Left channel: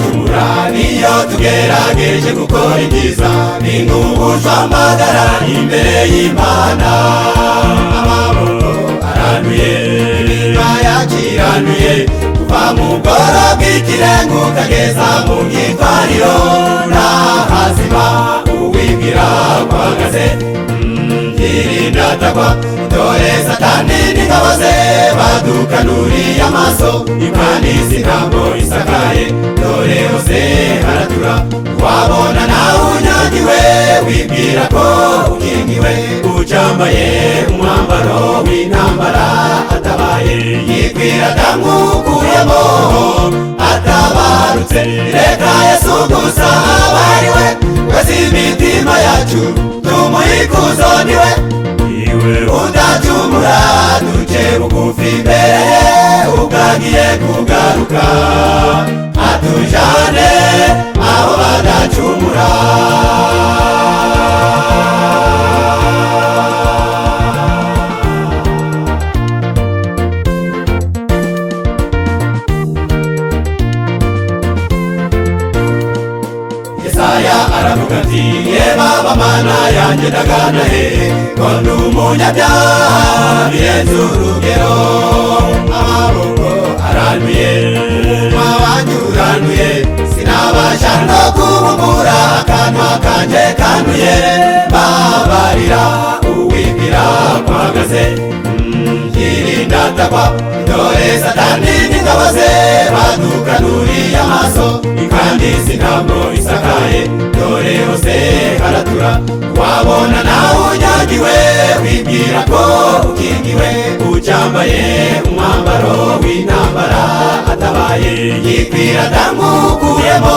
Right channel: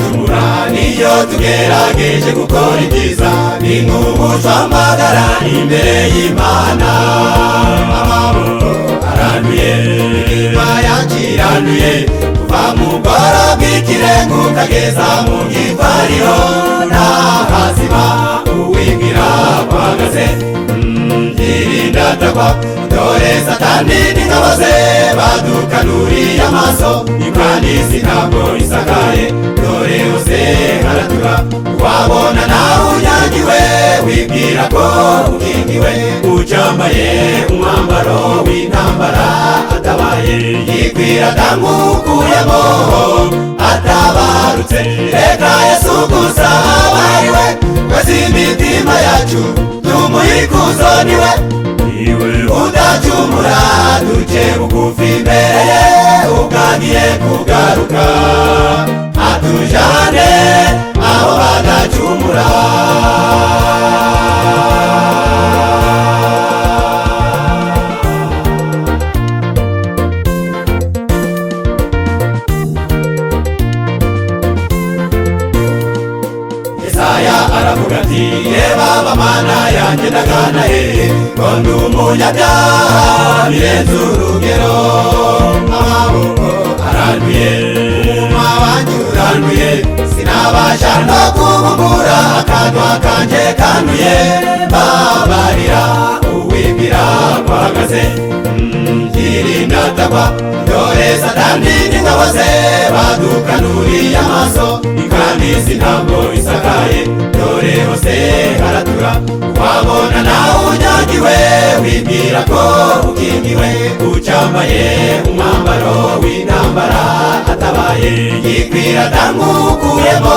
tudacumura niyo tugerageje gukora ibyiza ni nk'ubujwa amagara imbere y'Imana. Amaboko aranduye iminwa yacu iranduye kuva mu bworo bw'ikirenge ukageza mu gitwariro nta hazima uwibwira wahagaze. Irinda atagwa dore Satani n'ingabo ze badukanuriye amaso imvanisi ntabwo isakaye dore hose haratura. Wabona nawe unyangiwe wibwira ko ukingiwe ucambaye umwambaro w'intambara atabaye yikwira ndamwukuyemo atabarutse. Reka Yesu gusa abariwe wese imitima yacu tumuhikuzo niwe udacumura duce bugufi imbere ye ubwagiye kugaruka atujane aho badacumura. Yesaya aravuga ati Baba Mana yanjye ndagana hehe ko ndi umunyabyaha birenze urugero. Amaboko aranduye umunwa wanjye uranduye sinabasha no kubumbura akanwa kanjye kanduye. Babarira uwibwira kwahagaze irinda atagwa dore Satani n'ingabo ze badukanuriye amaso imvanisi ntabwo isakaye dore hose haratura. Wabona nawe unyangiwe wibwira ko ukingiwe ucambaye umwambaro w'intambara atabaye yikwira ndamwukuyemo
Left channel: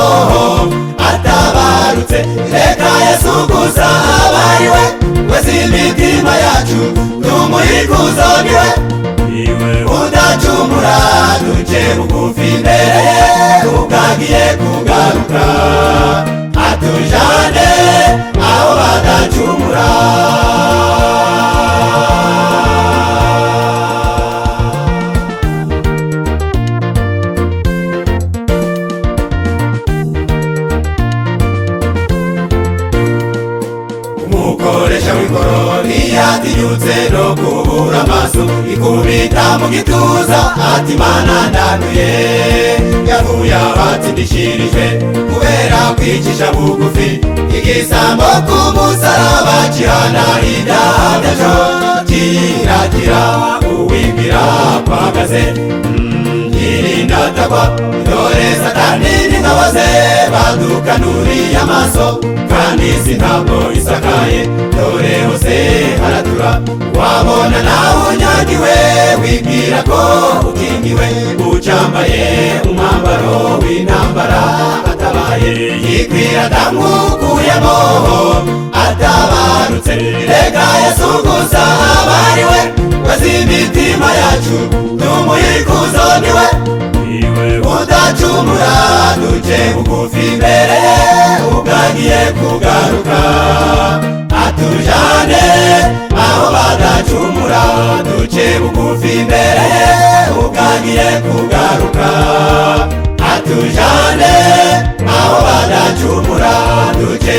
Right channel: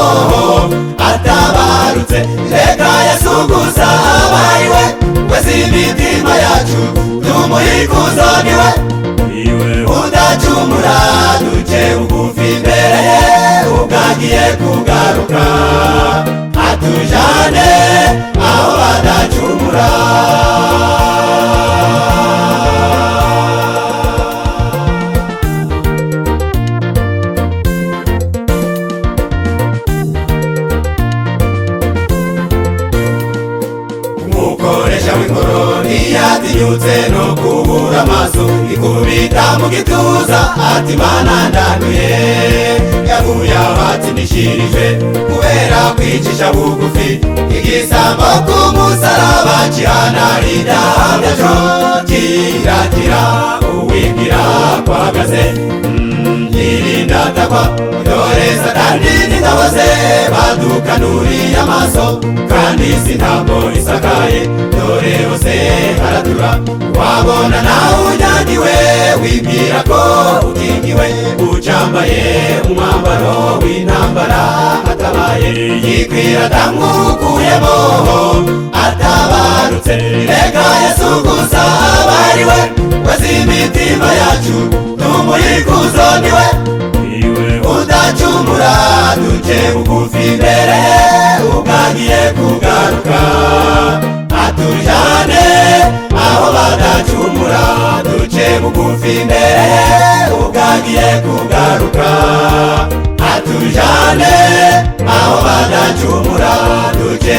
atabarutse. Reka Yesu gusa abariwe wese imitima yacu tumuhikuzo niwe udacumura duce bugufi imbere ye ubwagiye kugaruka atujane aho badacumura. Umukoresha w'ingoro ntiyatinyutse no kubura amaso ikubita mu gituza ati Mana ndanduye. Yavuye aho atsindishirijwe kubera kwicisha bugufi igisambo ku musaraba gihana ibyaha byacu kiragira uwibwira kwahagaze yirinda atagwa dore Satani n'ingabo ze badukanuriye amaso kandi si ntabwo isakaye dore hose haratura. Wabona nawe unyangiwe wibwira ko ukingiwe ucambaye umwambaro w'intambara atabaye yikwira ndamwukuyemo atabarutse. Reka Yesu gusa abariwe wese imitima yacu tumuhikuzo niwe udacumura duce bugufi imbere ye ubwagiye kugaruka atujane aho badacumura duce bugufi imbere ye ubwagiye kugaruka atujane aho badacumura duce